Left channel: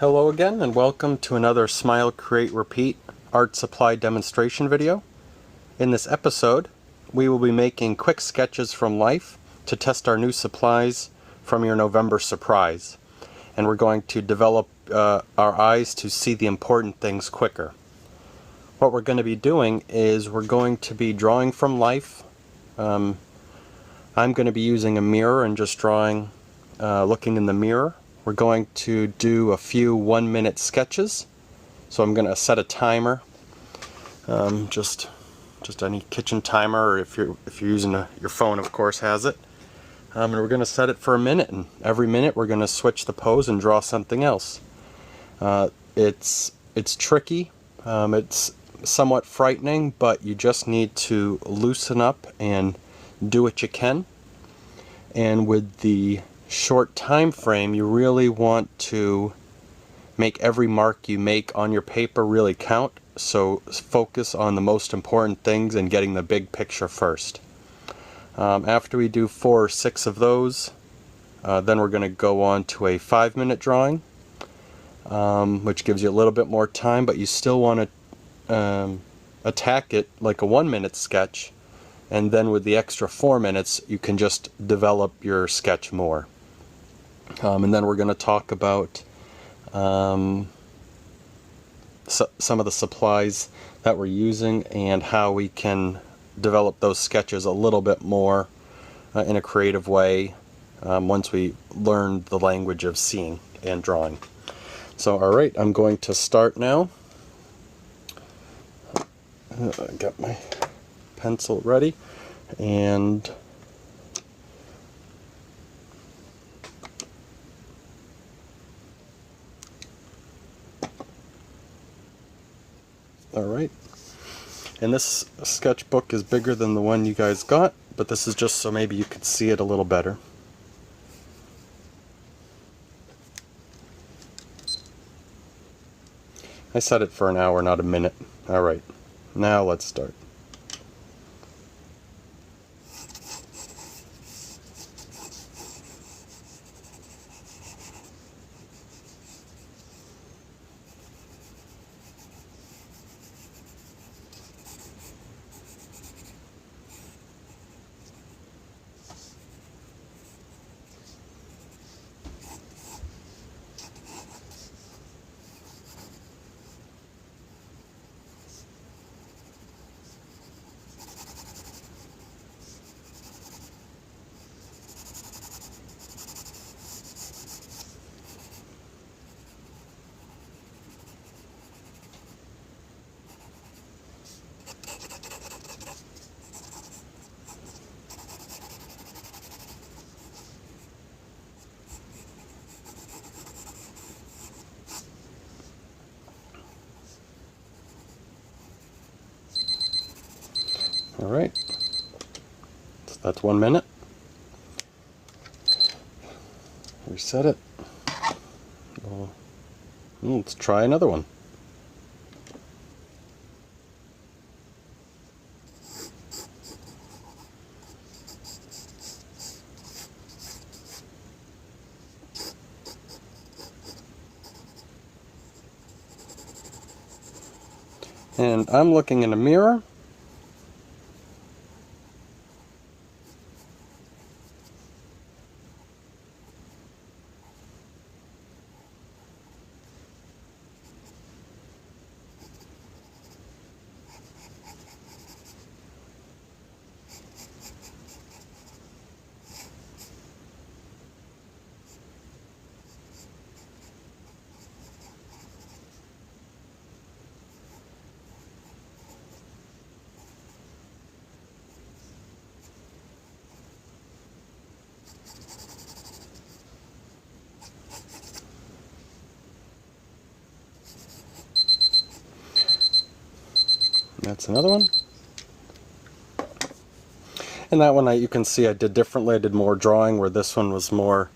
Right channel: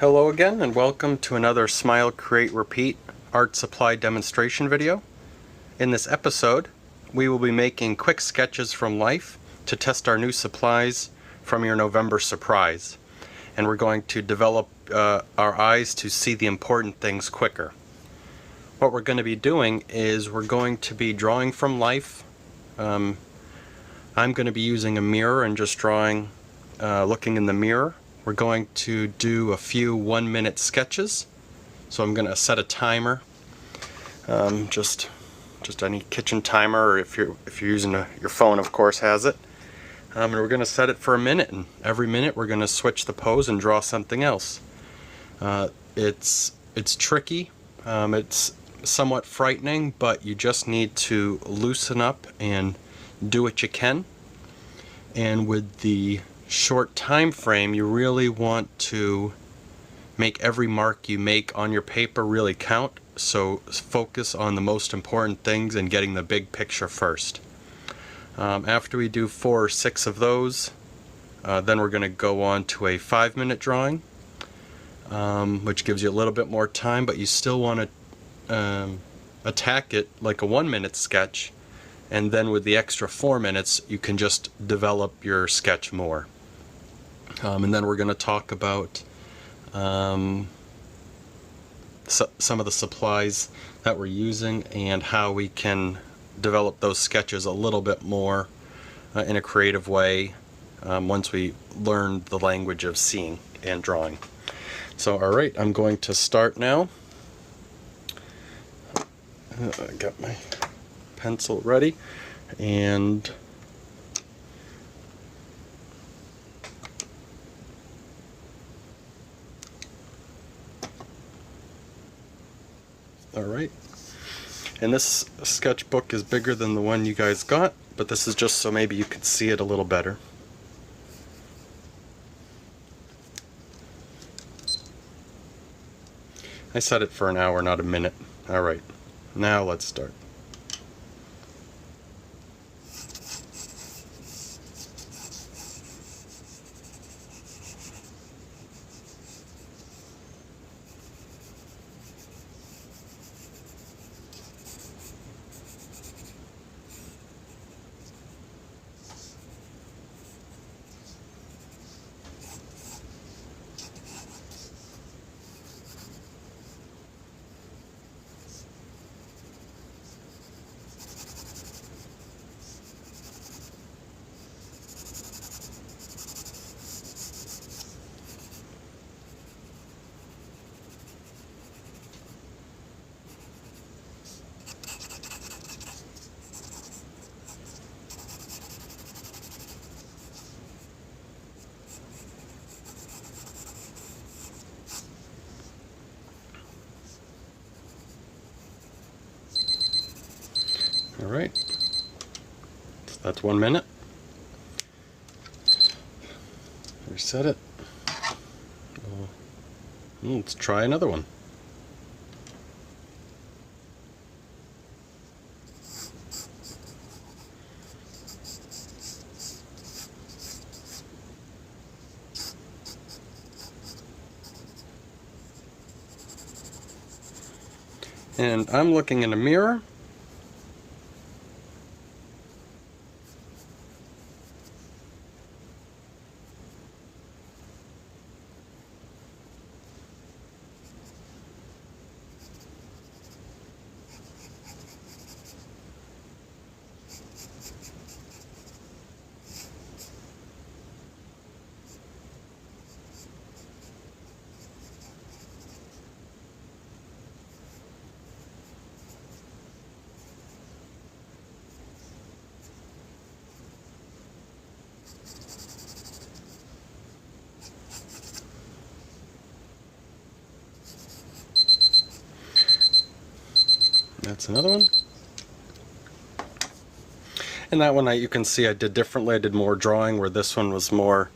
Hello again and welcome to another Smile, Create, Repeat art supply demonstration video. In this episode we will be making quick sketches from life to test our new supplies from your November surprise. And we're going to develop our eyes to see the important things quicker. What we're going to be doing is we're going to be drawing from life. I'm going to be using a mirror and just drawing, looking in the mirror. We're going to do a few 1-minute sketches. So I'm going to set a timer, just any kitchen timer, or if you're using your phone, of course, has it. And we're going to set it for a minute, and every minute we're going to switch the pose and draw something else. It's tricky. It's somewhat frightening, but you just need to loosen up and do what you can. And with the short time frame, you really want to make every mark you make on your paper really count, so focus on the most important things and getting the big picture first. After we do 4 or 6 of those, then we're going to go on to a 5-minute drawing, which gives you a little bit more time, but you still want to attack it like a 1-minute sketch, and then with the extra 4 minutes you can just develop your sketch more. And then we're going to talk about some of the supplies that we're using and how we can develop those sketches a little bit more in a creative way once we learn the language of seeing and drawing. So alright, I'm going to start now. I got my pencil ready, and alright, and this sketchbook is bigger than the one you guys got, but this is just so maybe you could see it a little better. I set it for an hour, not a minute. Alright, now let's start. Alright, so that's 1 minute. Reset it. Let's try another one. And I'm looking in a mirror. That's another one. And that one you can see I did differently. I did more drawing, where this one was more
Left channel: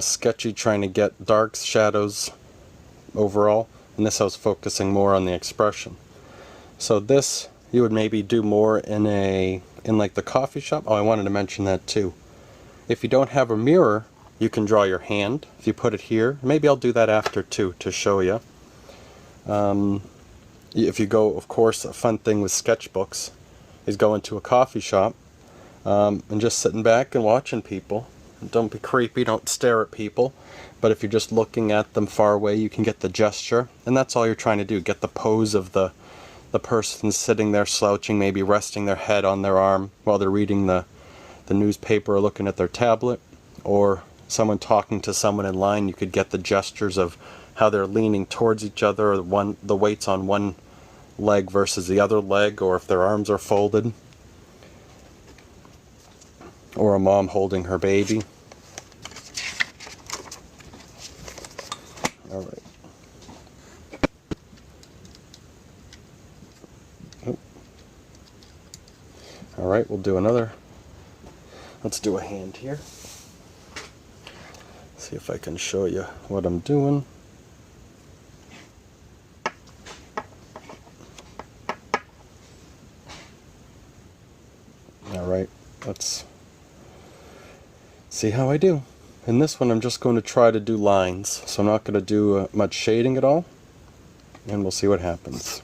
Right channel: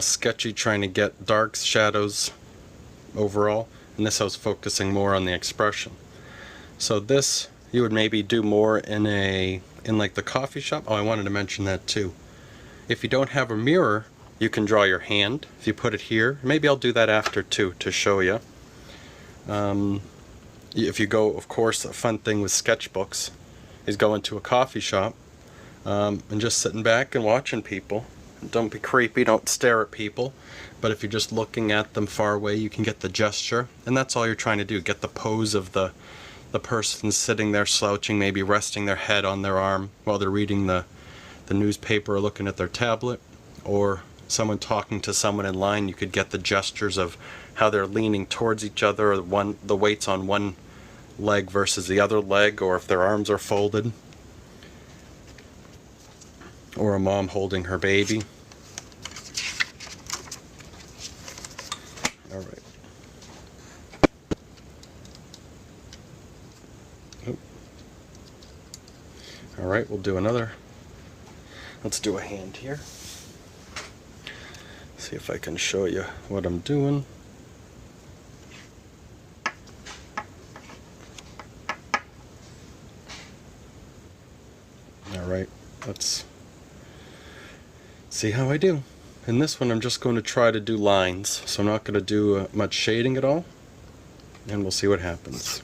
sketchy, trying to get darks, shadows overall. And this I was focusing more on the expression. So this you would maybe do more in like the coffee shop. Oh, I wanted to mention that too. If you don't have a mirror, you can draw your hand if you put it here. Maybe I'll do that after too to show you. If you go, of course, a fun thing with sketchbooks is going to a coffee shop and just sitting back and watching people. Don't be creepy, don't stare at people, but if you're just looking at them far away, you can get the gesture, and that's all you're trying to do, get the pose of the person sitting there slouching, maybe resting their head on their arm while they're reading the newspaper or looking at their tablet, or someone talking to someone in line. You could get the gestures of how they're leaning towards each other, or the weight's on one leg versus the other leg, or if their arms are folded, or a mom holding her baby. Alright. Oh. Alright, we'll do another. Let's do a hand here. See if I can show you what I'm doing. Alright, let's see how I do. In this one I'm just going to try to do lines, so I'm not going to do much shading at all, and we'll see what happens.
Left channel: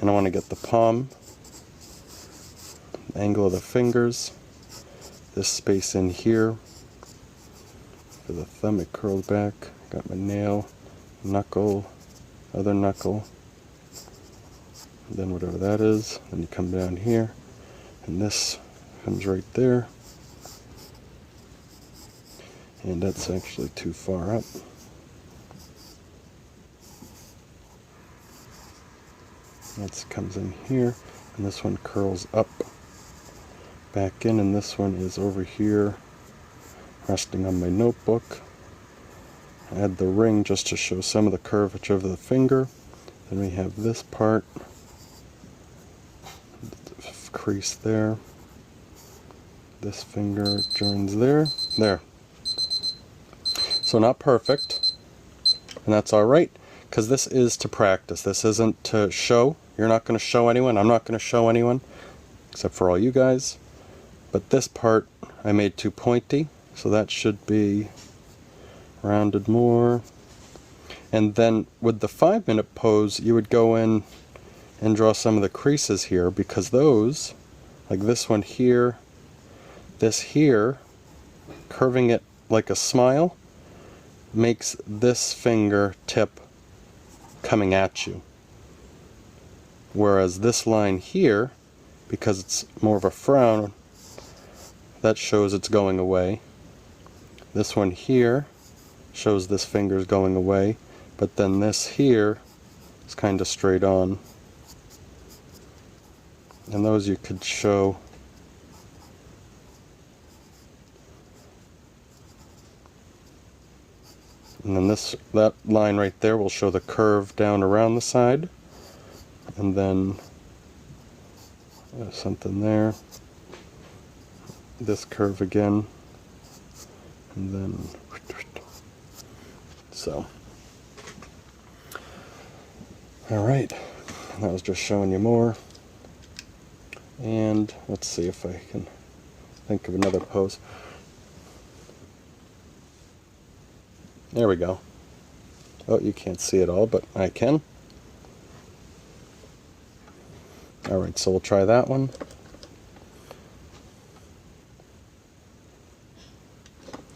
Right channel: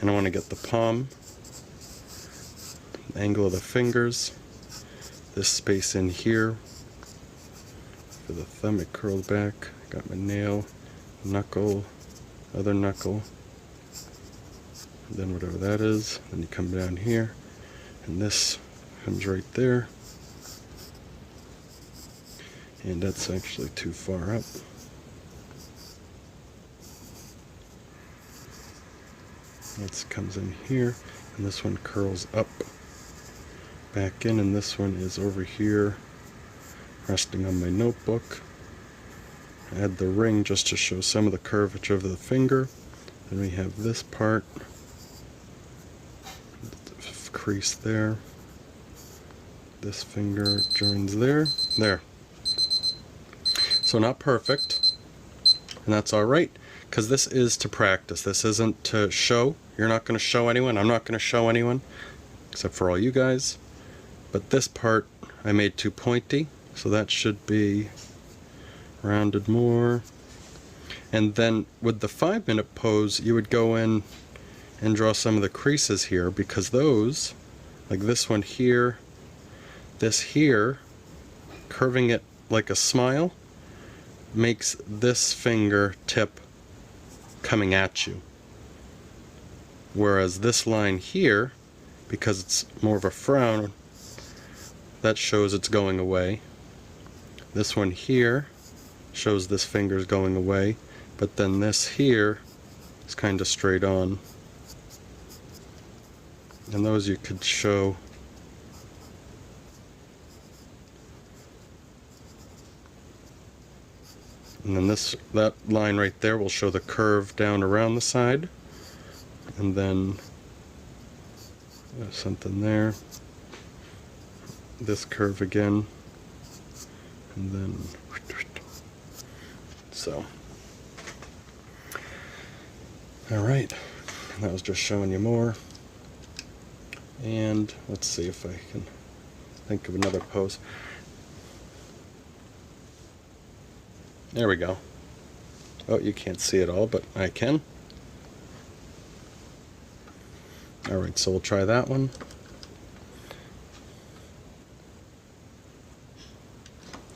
And I want to get the palm, the angle of the fingers, this space in here. For the thumb it curled back, got my nail, knuckle, other knuckle, and then whatever that is. Then you come down here, and this comes right there, and that's actually too far up. That comes in here, and this one curls up back in, and this one is over here resting on my notebook. I add the ring just to show some of the curvature of the finger. Then we have this part, crease there, this finger joins there, there. So not perfect, and that's alright, because this is to practice. This isn't to show. You're not going to show anyone. I'm not going to show anyone, except for all you guys. But this part I made too pointy, so that should be rounded more. And then with the 5-minute pose, you would go in and draw some of the creases here, because those, like this one here, this here, curving it like a smile, makes this finger tip coming at you. Whereas this line here, because it's more of a frown, that shows it's going away. This one here shows this finger's going away, but then this here is kind of straight on. And those you could show and then that line right there will show the curve down around the side, and then there's something there, this curve again, and then so alright, that was just showing you more. And let's see if I can think of another pose. There we go. Oh, you can't see it all, but I can. Alright, so we'll try that one.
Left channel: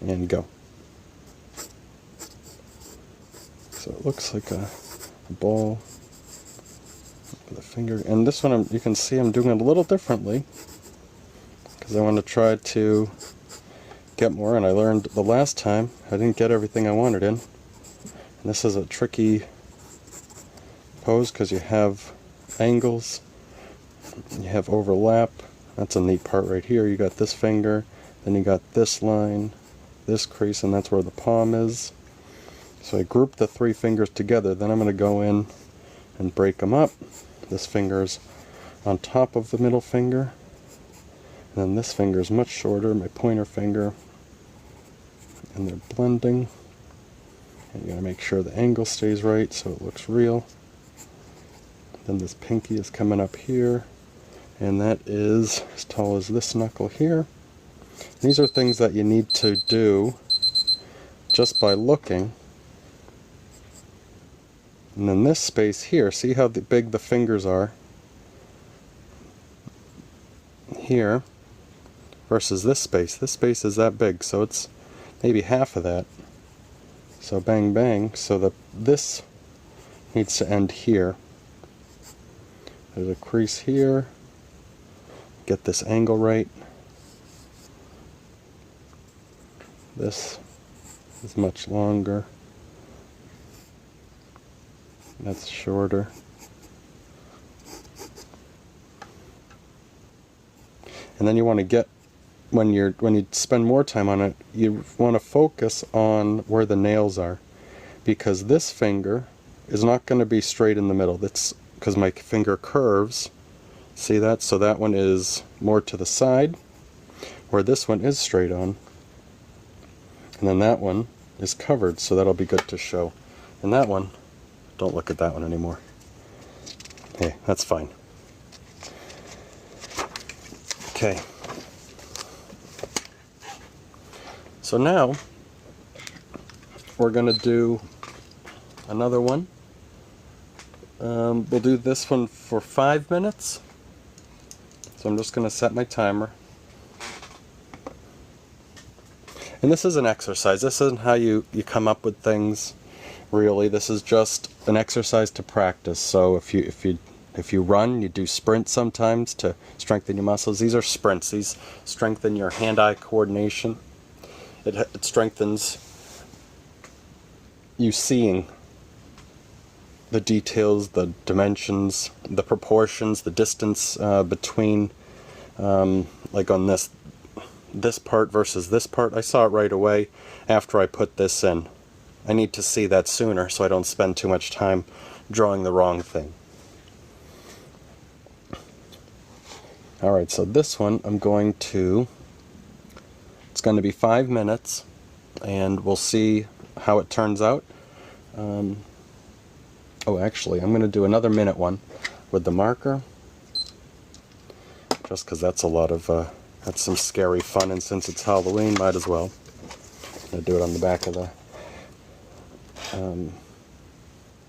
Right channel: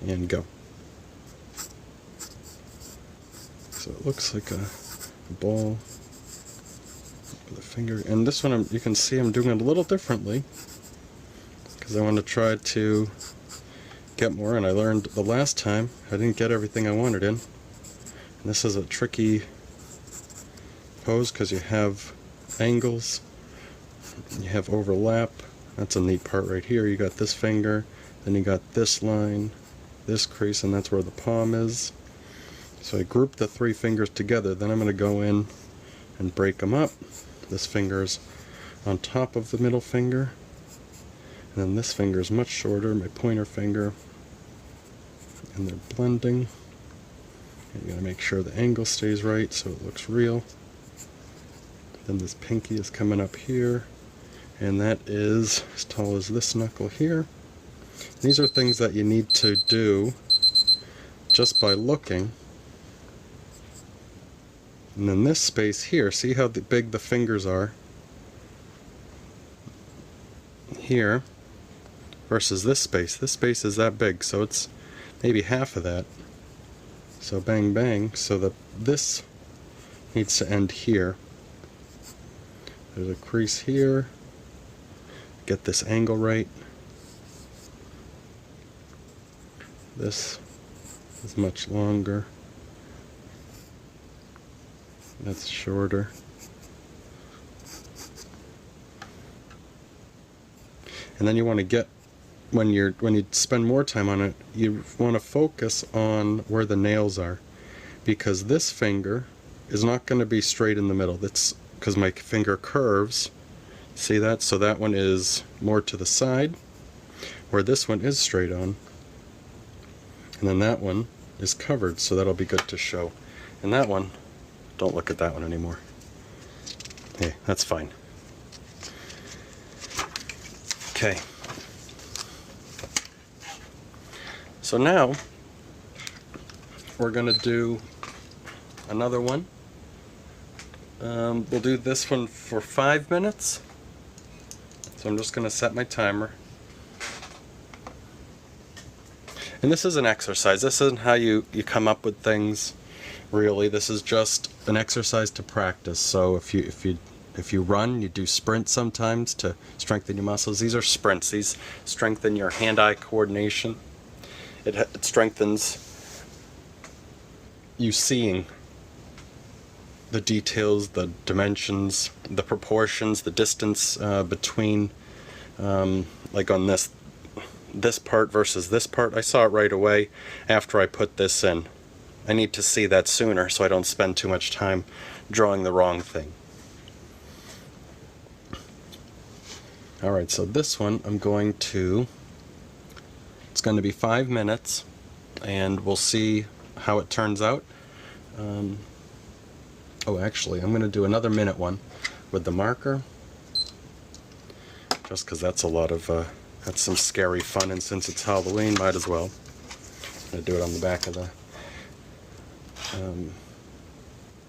And go. So it looks like a ball with a finger. And this one, you can see I'm doing it a little differently, because I want to try to get more, and I learned the last time I didn't get everything I wanted in. And this is a tricky pose because you have angles, you have overlap. That's a neat part right here. You got this finger, then you got this line, this crease, and that's where the palm is. So I grouped the 3 fingers together. Then I'm going to go in and break them up. This finger's on top of the middle finger, and then this finger is much shorter, my pointer finger, and they're blending. And you got to make sure the angle stays right so it looks real. Then this pinky is coming up here, and that is as tall as this knuckle here. These are things that you need to do just by looking. And then this space here, see how big the fingers are here versus this space. This space is that big, so it's maybe half of that. So bang bang, so that this needs to end here. There's a crease here. Get this angle right. This is much longer. That's shorter. And then you want to get, when you spend more time on it, you want to focus on where the nails are, because this finger is not going to be straight in the middle. That's because my finger curves. See that? So that one is more to the side, where this one is straight on. And then that one is covered, so that'll be good to show. And that one, don't look at that one anymore. Hey, that's fine. Okay. So now we're going to do another one. We'll do this one for 5 minutes. So I'm just going to set my timer. And this is an exercise. This isn't how you come up with things, really. This is just an exercise to practice. So if you run, you do sprints sometimes to strengthen your muscles. These are sprints. These strengthen your hand-eye coordination. It strengthens you seeing the details, the dimensions, the proportions, the distance between, like on this part versus this part. I saw it right away after I put this in. I need to see that sooner so I don't spend too much time drawing the wrong thing. Alright, so this one it's going to be 5 minutes, and we'll see how it turns out. Oh, actually, I'm going to do another minute one with the marker, just because that's that's some scary fun, and since it's Halloween, might as well. I'm going to do it on the back of the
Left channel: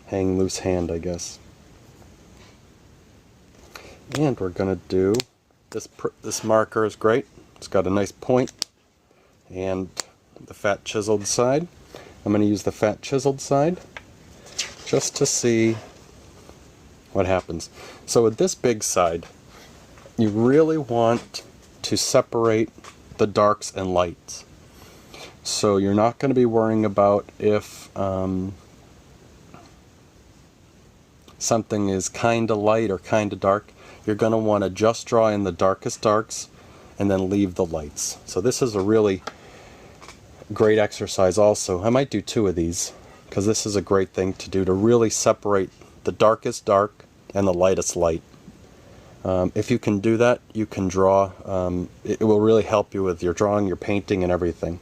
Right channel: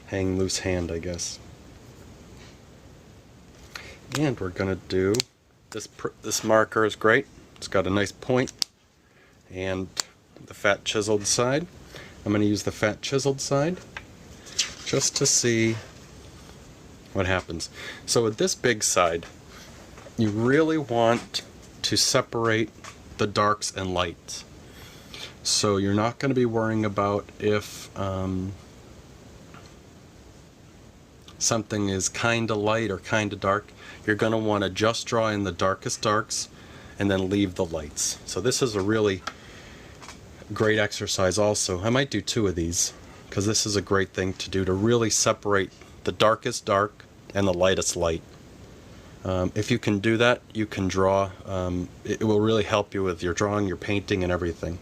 hang loose hand, I guess. And we're going to do this marker is great. It's got a nice point and the fat chiseled side. I'm going to use the fat chiseled side just to see what happens. So with this big side, you really want to separate the darks and lights. So you're not going to be worrying about if something is kind of light or kind of dark. You're going to want to just draw in the darkest darks and then leave the lights. So this is a really great exercise also. I might do 2 of these, because this is a great thing to do, to really separate the darkest dark and the lightest light. If you can do that, you can draw. It will really help you with your drawing, your painting, and everything.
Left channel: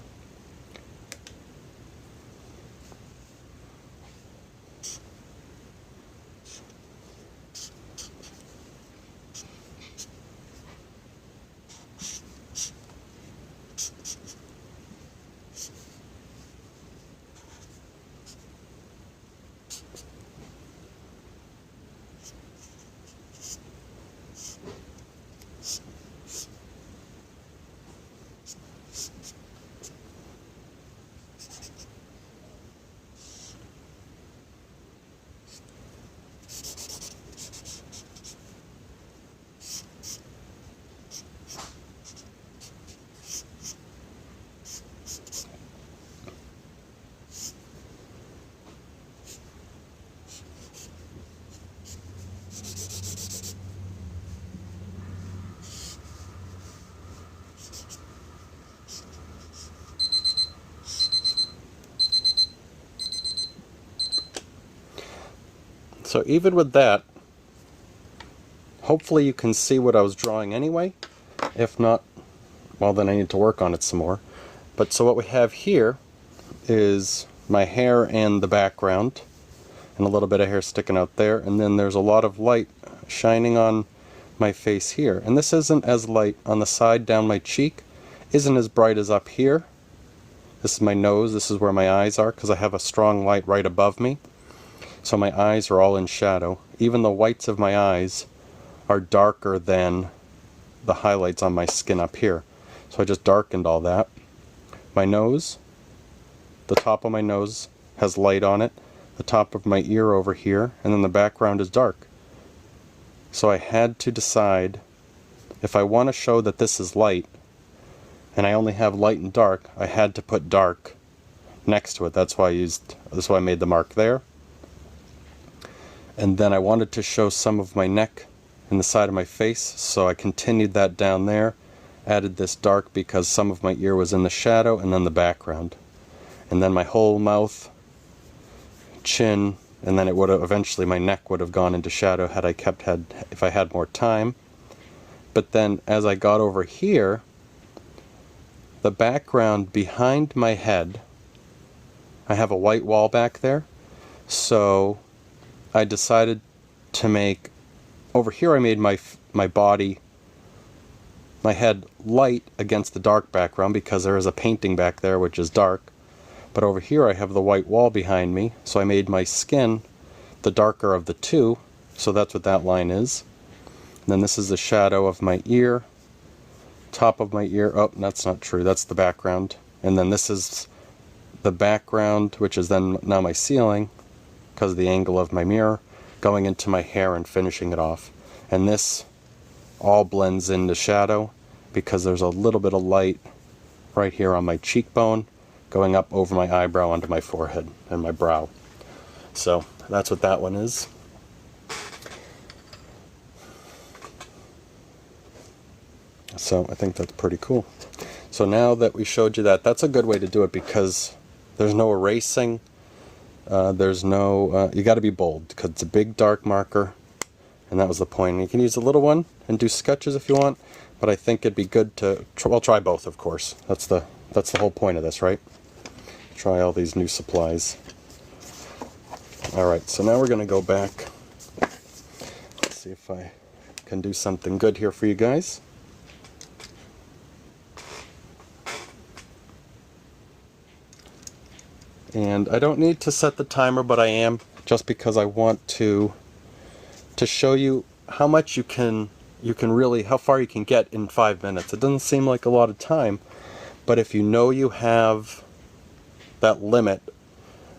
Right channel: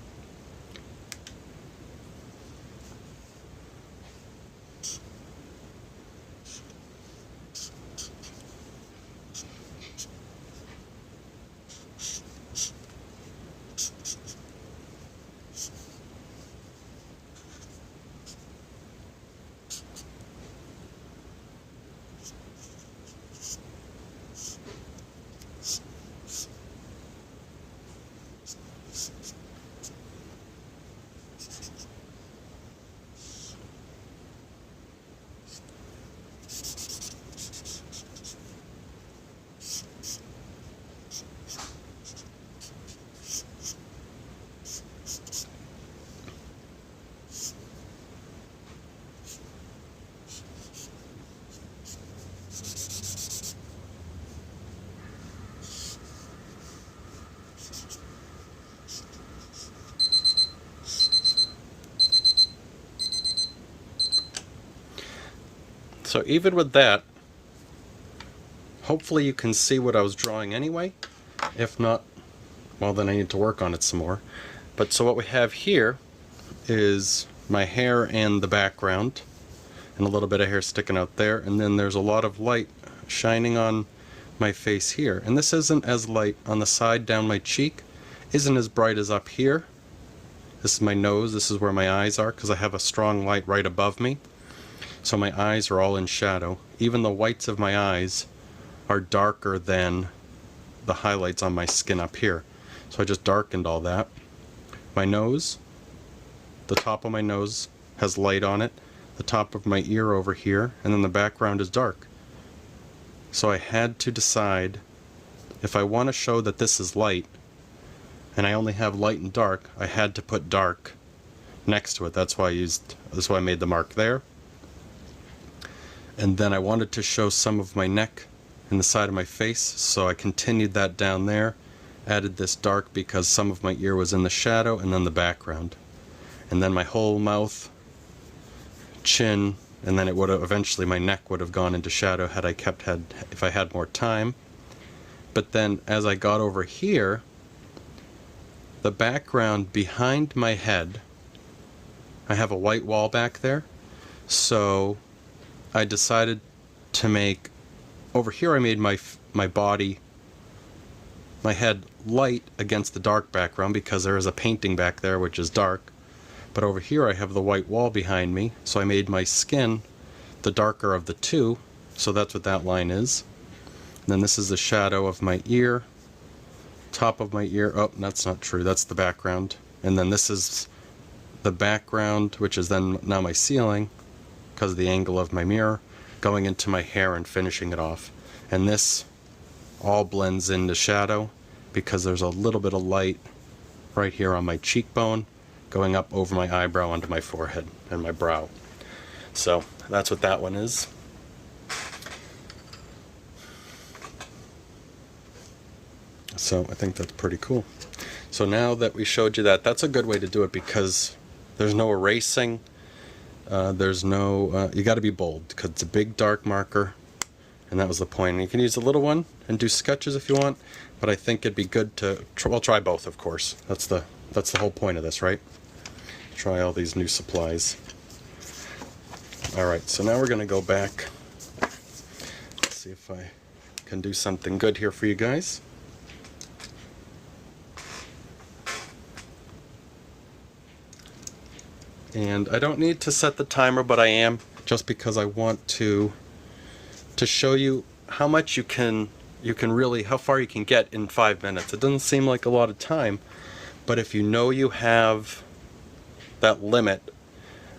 So even with that, hopefully you can see what I was drawing anyway. If not, well, then I need to work on it some more. But so what we have here is my hair and the background, and a little bit of hair sticking out there, and then there's a lot of light shining on my face here. And this isn't as light on the side down my cheek, isn't as bright as up here. This is my nose, this is where my eyes are, because I have a strong light right above me. So my eyes are all in shadow. Even the whites of my eyes are darker than the highlights on my skin up here. So I just darkened all that. My nose, the top of my nose has light on it, the top of my ear over here, and then the background is dark. So I had to decide, if I want to show that this is light, and I only have light and dark, I had to put dark next to it. That's why I made the mark there. And then I wanted to show some of my neck and the side of my face, so I continued that down there, added this dark because some of my ear was in the shadow, and then the background. And then my whole mouth, chin, and then it would have, eventually my neck would have gone into shadow if I had more time. But then as I got over here, the background behind my head, I have a white wall back there, so I decided to make, over here I made my body, my head light against the dark background because there is a painting back there which is dark. But over here I have the white wall behind me, so I made my skin the darker of the two, so that's what that line is. And then this is the shadow of my ear, top of my ear. Oh, that's not true, that's the background. And then this is the background, which is then now my ceiling, because of the angle of my mirror, going into my hair and finishing it off. And this all blends into shadow because there's a little bit of light right here on my cheekbone, going up over my eyebrow onto my forehead and my brow. So that's what that one is. So I think that's pretty cool. So now that we showed you that, that's a good way to do it because there's no erasing, there's no, you got to be bold because it's a big dark marker, and that was the point. And you can use a little one and do sketches if you want, but I think it'd be good to, well, try both, of course. That's the whole point of this, right? Try all these new supplies. Alright, so now we're going to go back. Let's see if I can do something good here for you guys. And I don't need to set the timer, but I am, just because I want to show you how much you can really, how far you can get in 5 minutes. It doesn't seem like a lot of time, but if you know you have that limit,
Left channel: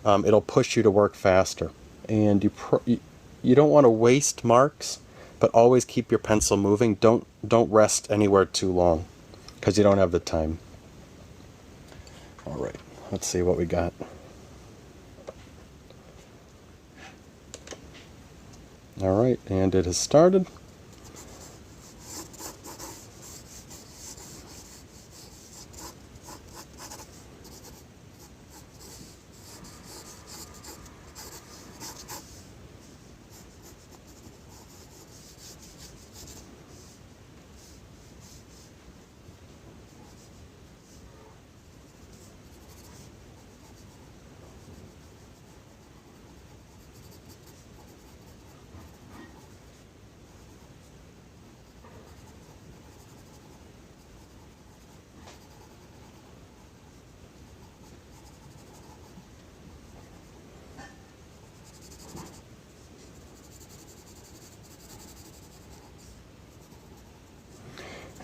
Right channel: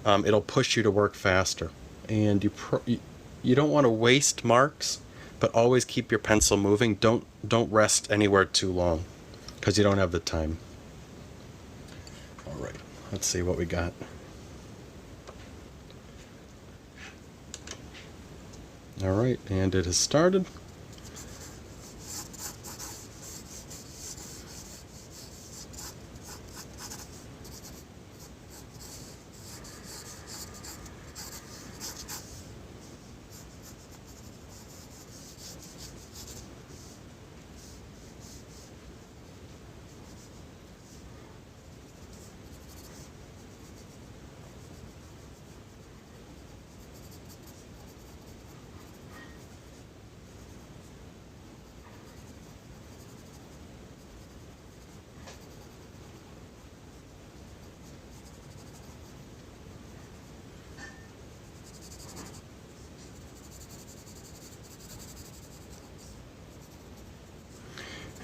it'll push you to work faster. And you don't want to waste marks, but always keep your pencil moving. Don't rest anywhere too long, because you don't have the time. Alright, let's see what we got. Alright, and it has started.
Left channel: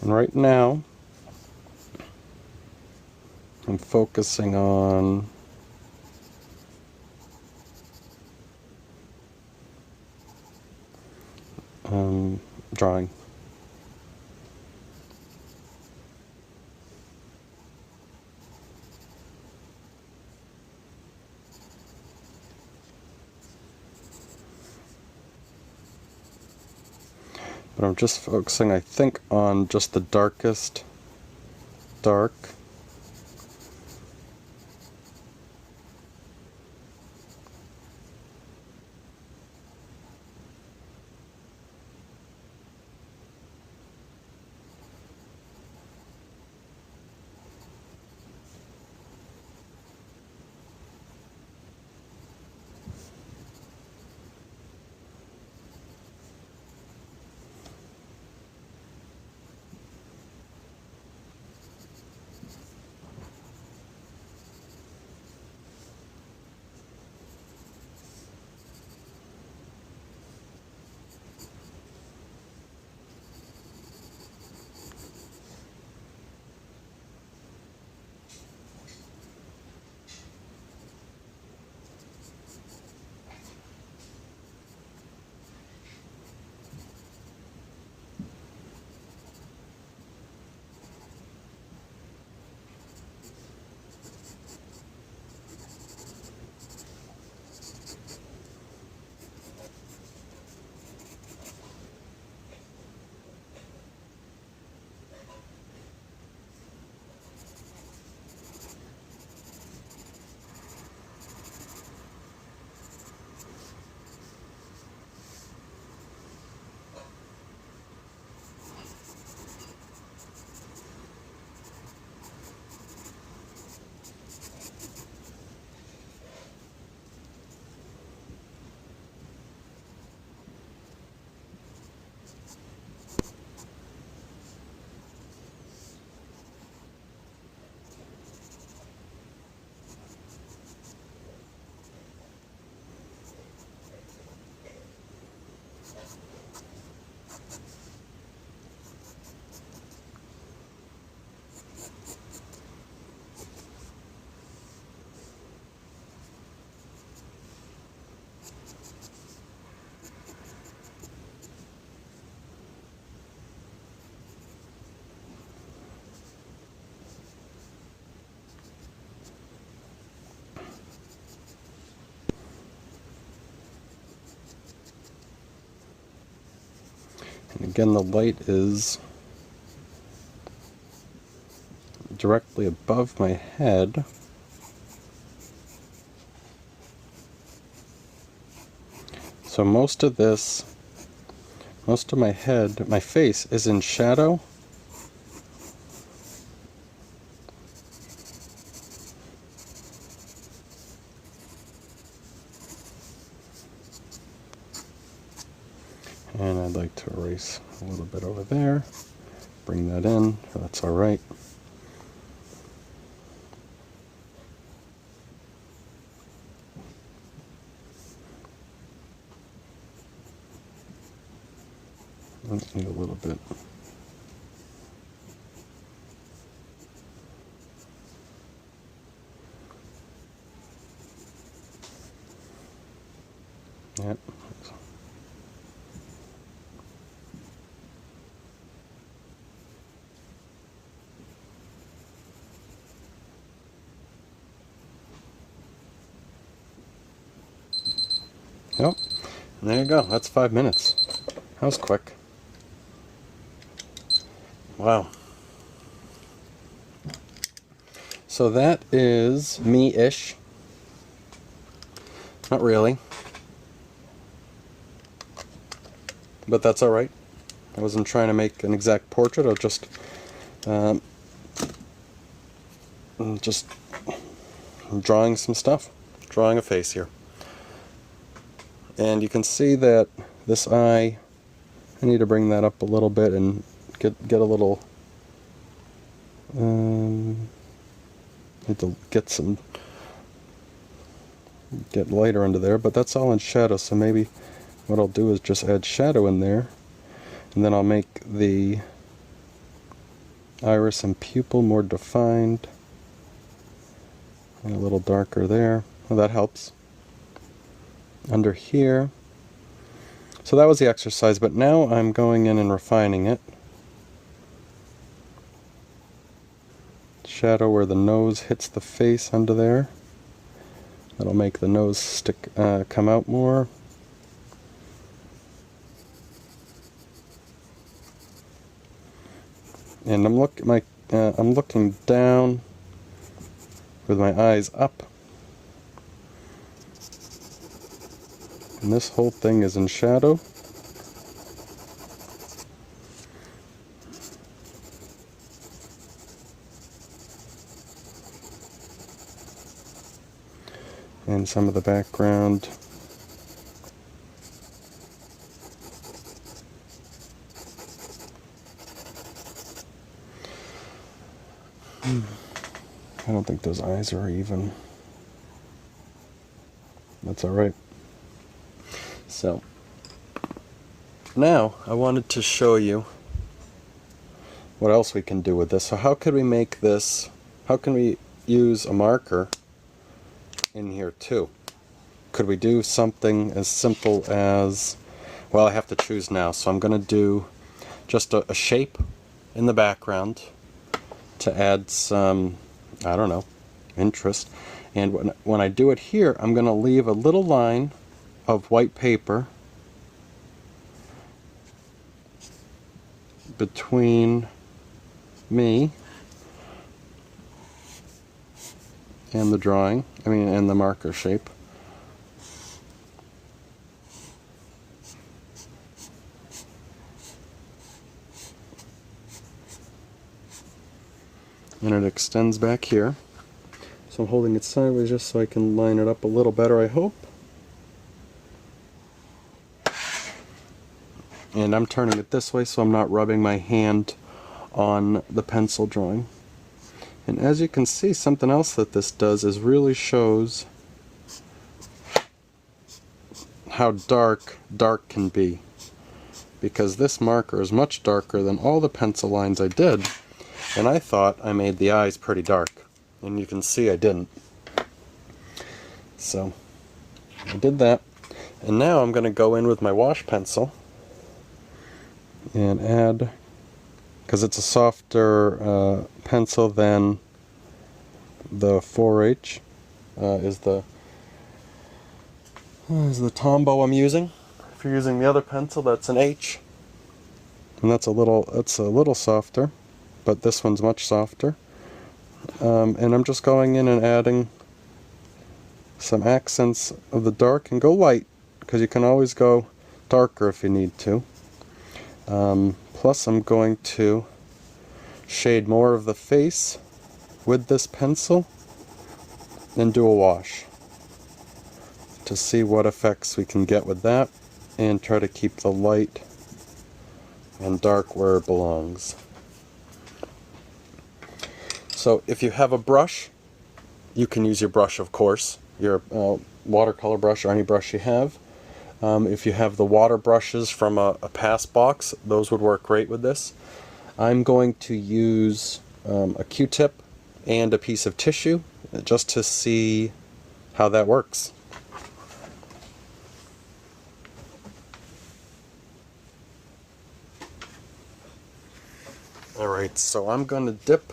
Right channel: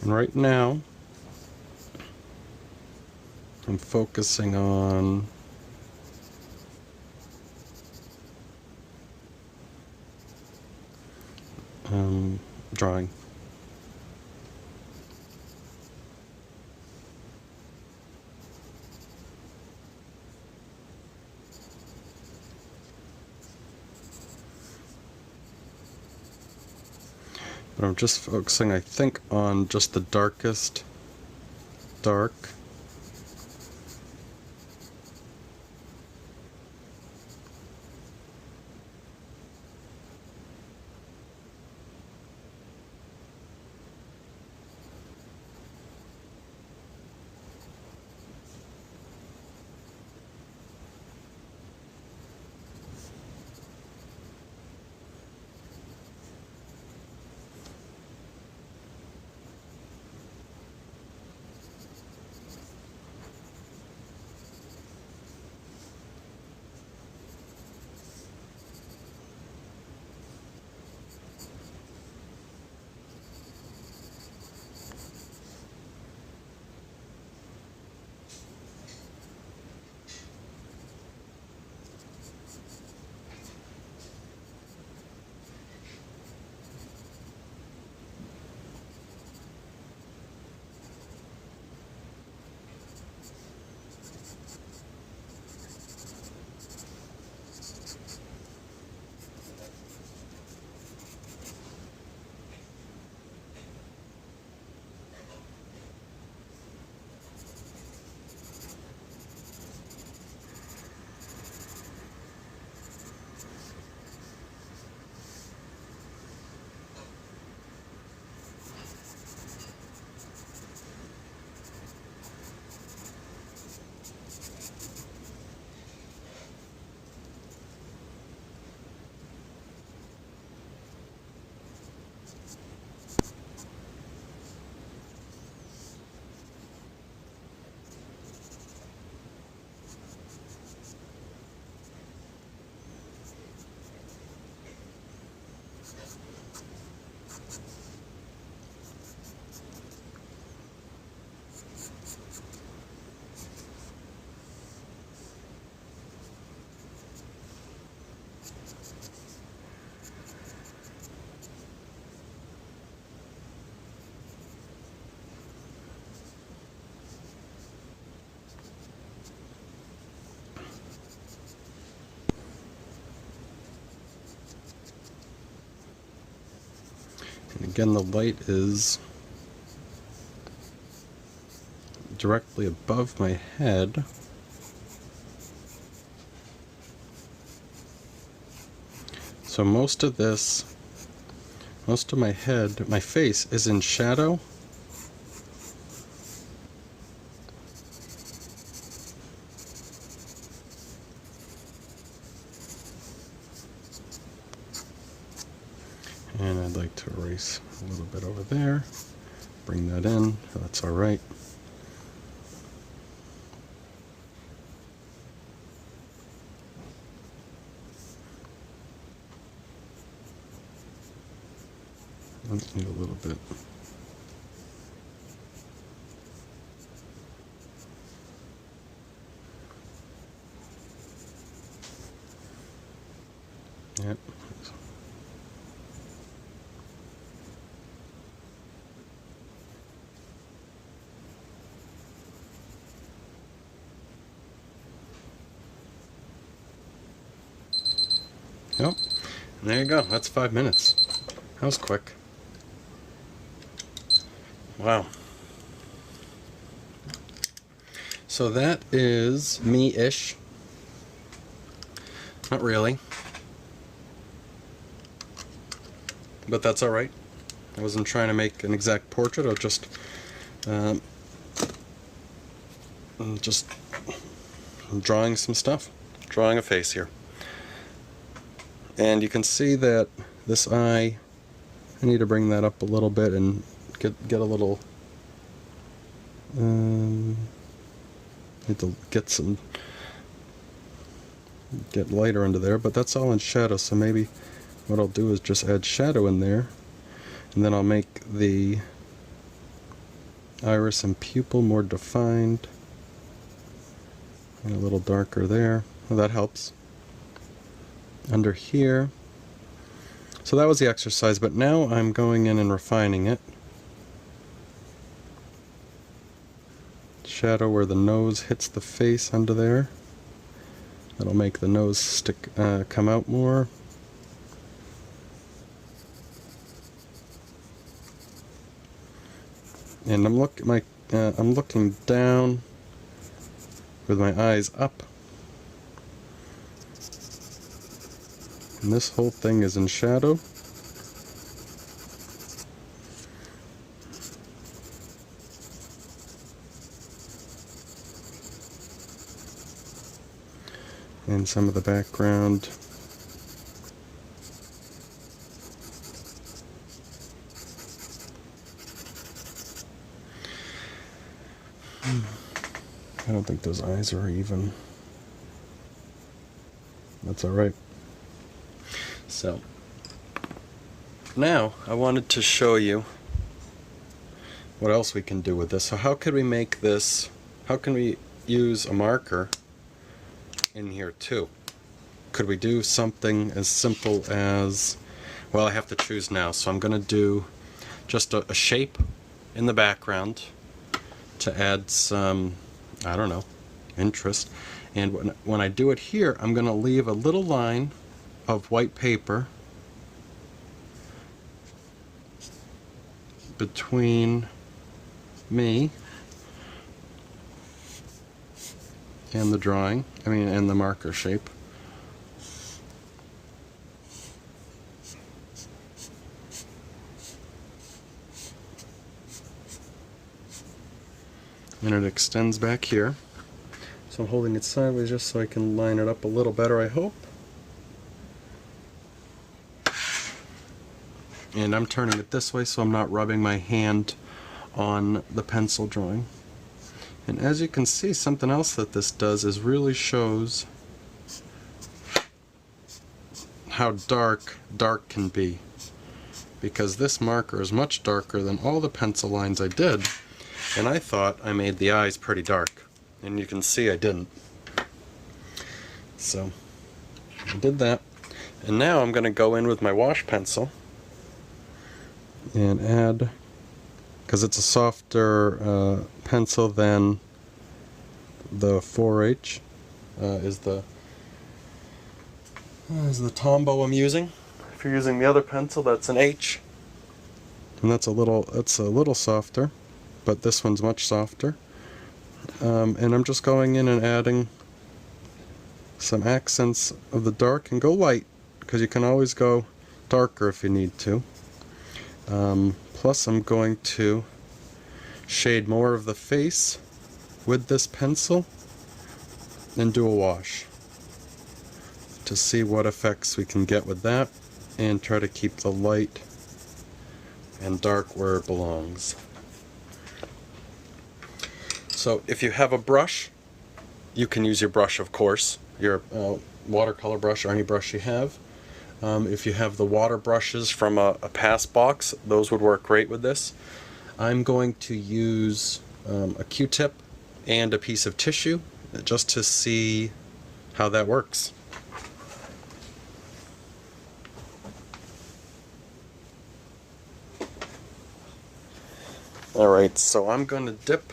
And right now, I'm focusing on drawing. But I'm just focusing, I think, on just the darkest dark. Again, the light is directly above my head. So most of my head, my face is in shadow. And I'd like to erase a little bit over there, bring that in, so that's alright. Need a little bit. Yep. Yep. And there you go. That's 5 minutes. That was quick. Wow. So that is me-ish. Not really. But that's alright. I wasn't trying to make an exact portrait. I was just drawing some stuff. Drawing a face here. And you can see that this eye, I need to bring that up a little bit and get a little, need to get lighter under there, but that's all in shadow, so maybe what I'll do is just add shadow in there, and then I'll make the iris and pupil more defined, and a little darker there. Well, that helps. Under here, so that was the exercise, but now I'm going in and refining it. Shadow where the nose hits the face under there. That'll make the nose come out more. And I'm looking down with my eyes up. And this whole thing is in shadow. And some of the background. I don't think those eyes are even. That's alright. So, now I wanted to show you what else we can do with this. So how could we make this, how can we use a marker in here too? Could we do something as simple as, well, I have to choose now, so I'm going to do just a shape in the background to add some, I don't know, interest. And when I do it here, I'm going to leave a little line of white paper between me and the drawing, and the marker shape. And it extends back here. So I'm holding it sideways just so I can line it up a little better, I hope. And I'm turning it this way so I'm not rubbing my hand on the pencil drawing. And as you can see, something else that this does is really shows how dark can be. Because this marker is much darker than all the pencil lines I did. And I thought I made the eyes pretty dark. And you can see I didn't. So, I did that. And now I'm going to go in with my wash pencil and add, because it's a softer pencil than the 4H, is the Tombow I'm using. If you're using the other pencil, that's an H. and it's a little softer, but this one's much softer. And I'm just going in and adding some accents of the dark, and go light, because you can always go darker if you need to. Plus I'm going to shade more of the face with this pencil and do a wash to see what effects we can get with that, and try to keep the light and dark where it belongs. So if you have a brush, you can use your brush, of course, your watercolor brush or any brush you have. If you have the water brushes from a pass box, those would work great with this. I'm going to use a Q-tip and a piece of tissue just to see how that works. Alright, so I'm going to dip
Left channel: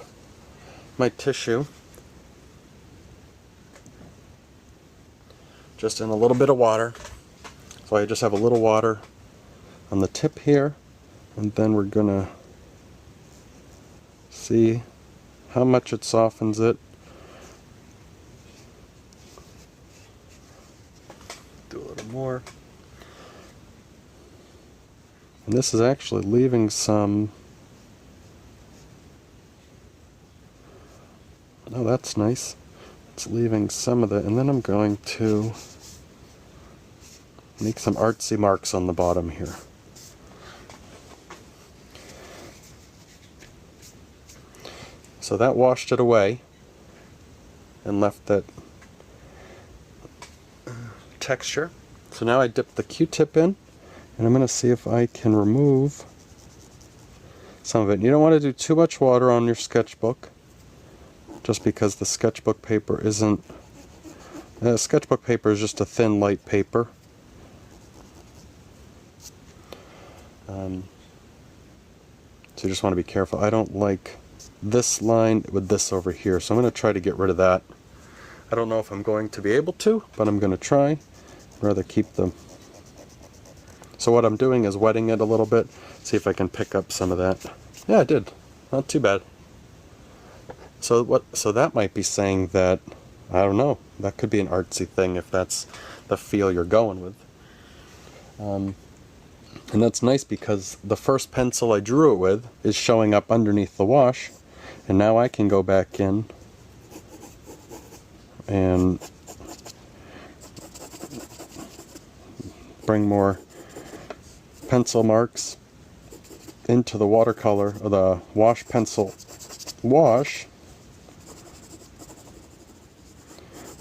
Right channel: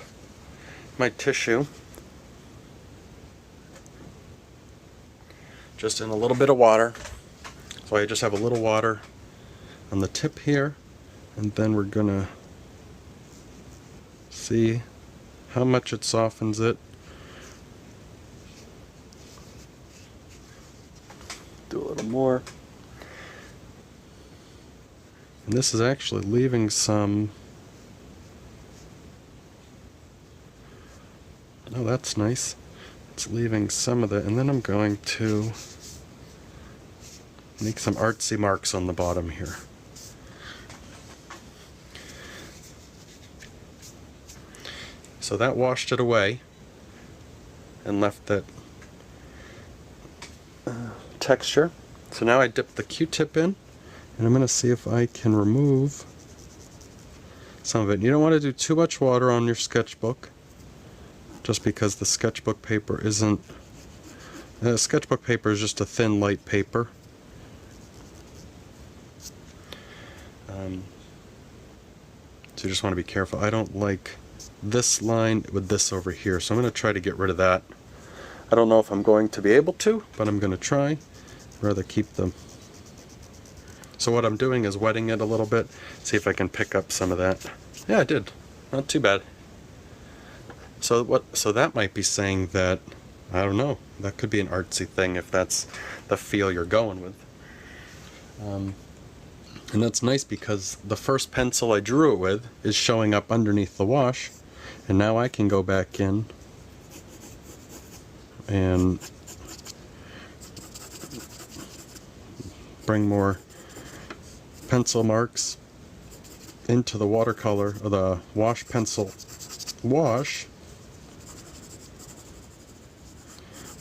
my tissue just in a little bit of water. So I just have a little water on the tip here, and then we're going to see how much it softens it. Do a little more. And this is actually leaving some... Oh, that's nice. It's leaving some of it, and then I'm going to make some artsy marks on the bottom here. So that washed it away and left that texture. So now I dip the Q-tip in, and I'm going to see if I can remove some of it. You don't want to do too much water on your sketchbook, just because the sketchbook paper isn't... sketchbook paper is just a thin, light paper. So you just want to be careful. I don't like this line with this over here, so I'm going to try to get rid of that. I don't know if I'm going to be able to, but I'm going to try. I'd rather keep them. So what I'm doing is wetting it a little bit, see if I can pick up some of that. Yeah, I did. Not too bad. So that might be saying that, I don't know, that could be an artsy thing if that's the feel you're going with. And that's nice because the first pencil I drew it with is showing up underneath the wash, and now I can go back in and bring more pencil marks into the watercolor, or the wash pencil wash,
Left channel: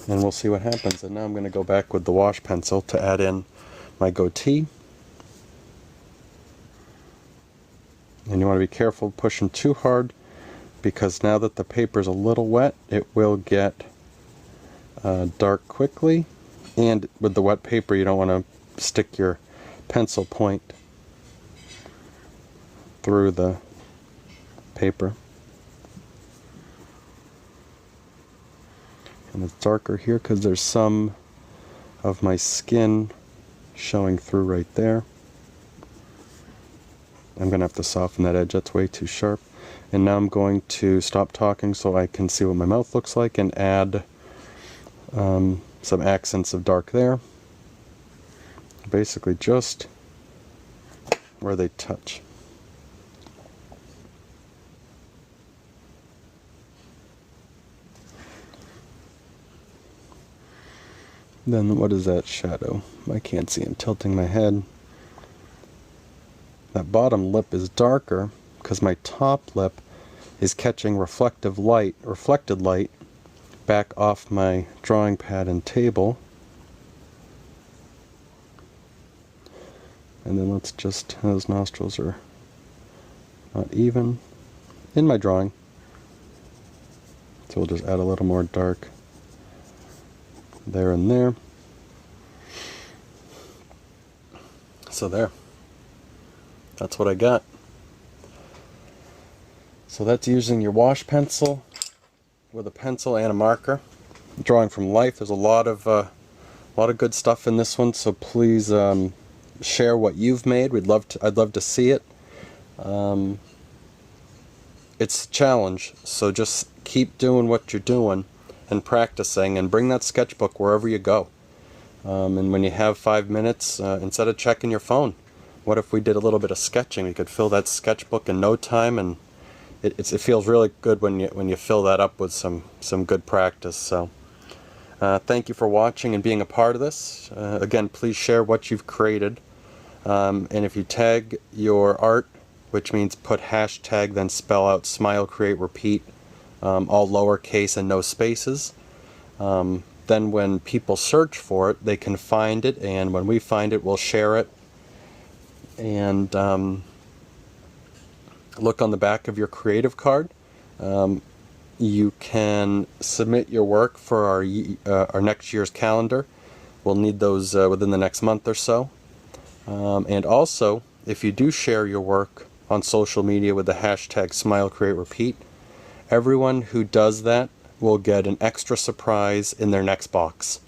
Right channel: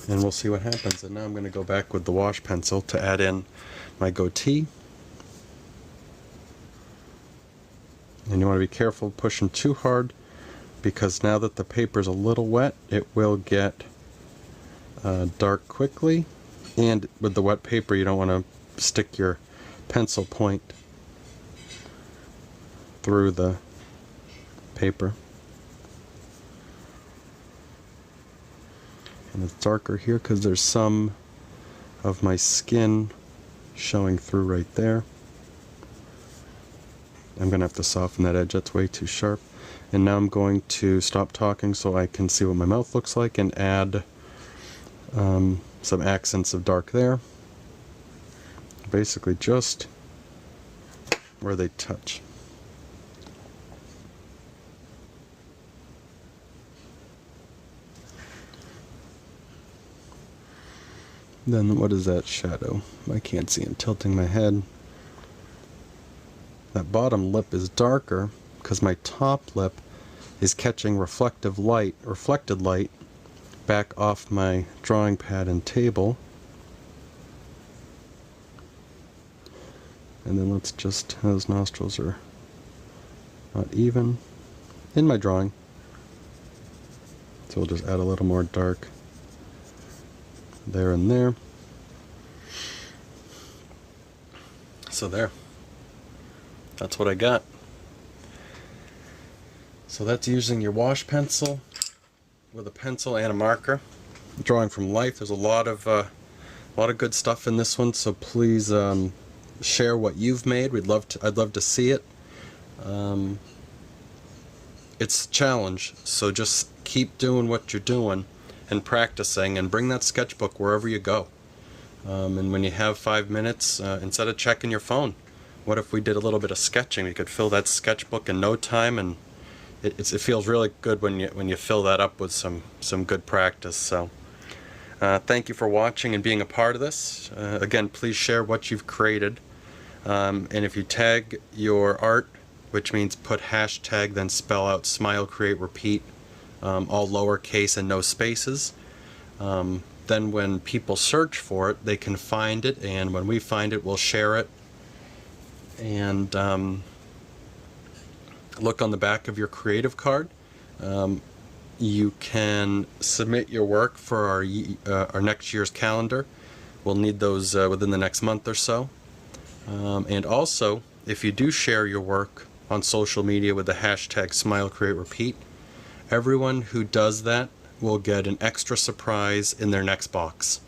and we'll see what happens. And now I'm going to go back with the wash pencil to add in my goatee. And you want to be careful pushing too hard, because now that the paper's a little wet, it will get dark quickly. And with the wet paper, you don't want to stick your pencil point through the paper. And it's darker here because there's some of my skin showing through right there. I'm going to have to soften that edge, that's way too sharp. And now I'm going to stop talking so I can see what my mouth looks like, and add some accents of dark there. Basically just where they touch. Then what is that shadow? I can't see, I'm tilting my head. That bottom lip is darker because my top lip is catching reflected light back off my drawing pad and table. And then let's just, those nostrils are not even in my drawing, so we'll just add a little more dark there and there. So there. That's what I got. So that's using your wash pencil with a pencil and a marker. Drawing from life. There's a lot of good stuff in this one. So please share what you've made. I'd love to see it. It's a challenge, so just keep doing what you're doing and practicing, and bring that sketchbook wherever you go. And when you have 5 minutes, instead of checking your phone, what if we did a little bit of sketching? You could fill that sketchbook in no time, and it feels really good when you fill that up with some good practice. So thank you for watching and being a part of this. Again, please share what you've created, and if you tag your art, which means put hashtag, then spell out smile, create, repeat, all lowercase and no spaces. Then when people search for it, they can find it, and when we find it, we'll share it. And look on the back of your creative card. You can submit your work for our next year's calendar. We'll need those within the next month or so. And also, if you do share your work on social media with the hashtag smile, create, repeat, everyone who does that will get an extra surprise in their next box.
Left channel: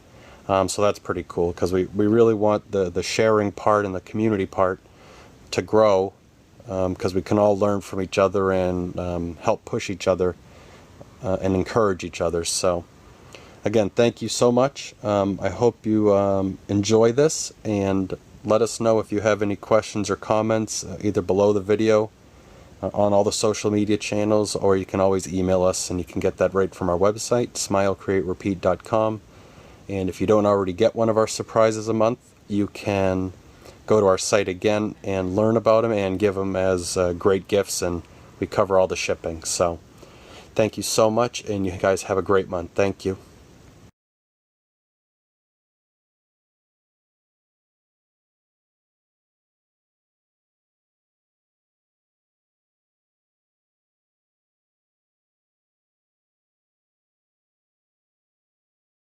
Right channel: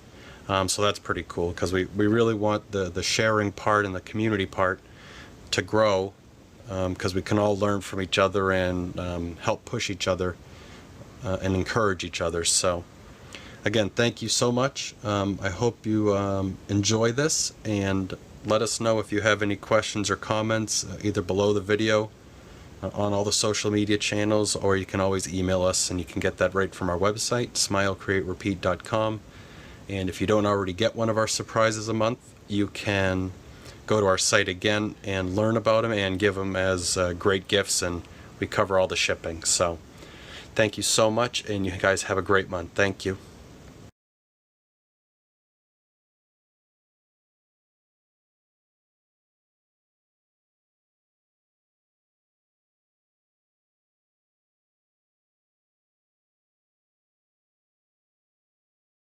So that's pretty cool, because we really want the sharing part and the community part to grow, because we can all learn from each other and help push each other and encourage each other. So again, thank you so much. I hope you enjoy this, and let us know if you have any questions or comments, either below the video, on all the social media channels, or you can always email us, and you can get that right from our website, smilecreaterepeat.com. And if you don't already get one of our surprises a month, you can go to our site again and learn about them and give them as great gifts, and we cover all the shipping. So thank you so much, and you guys have a great month. Thank you.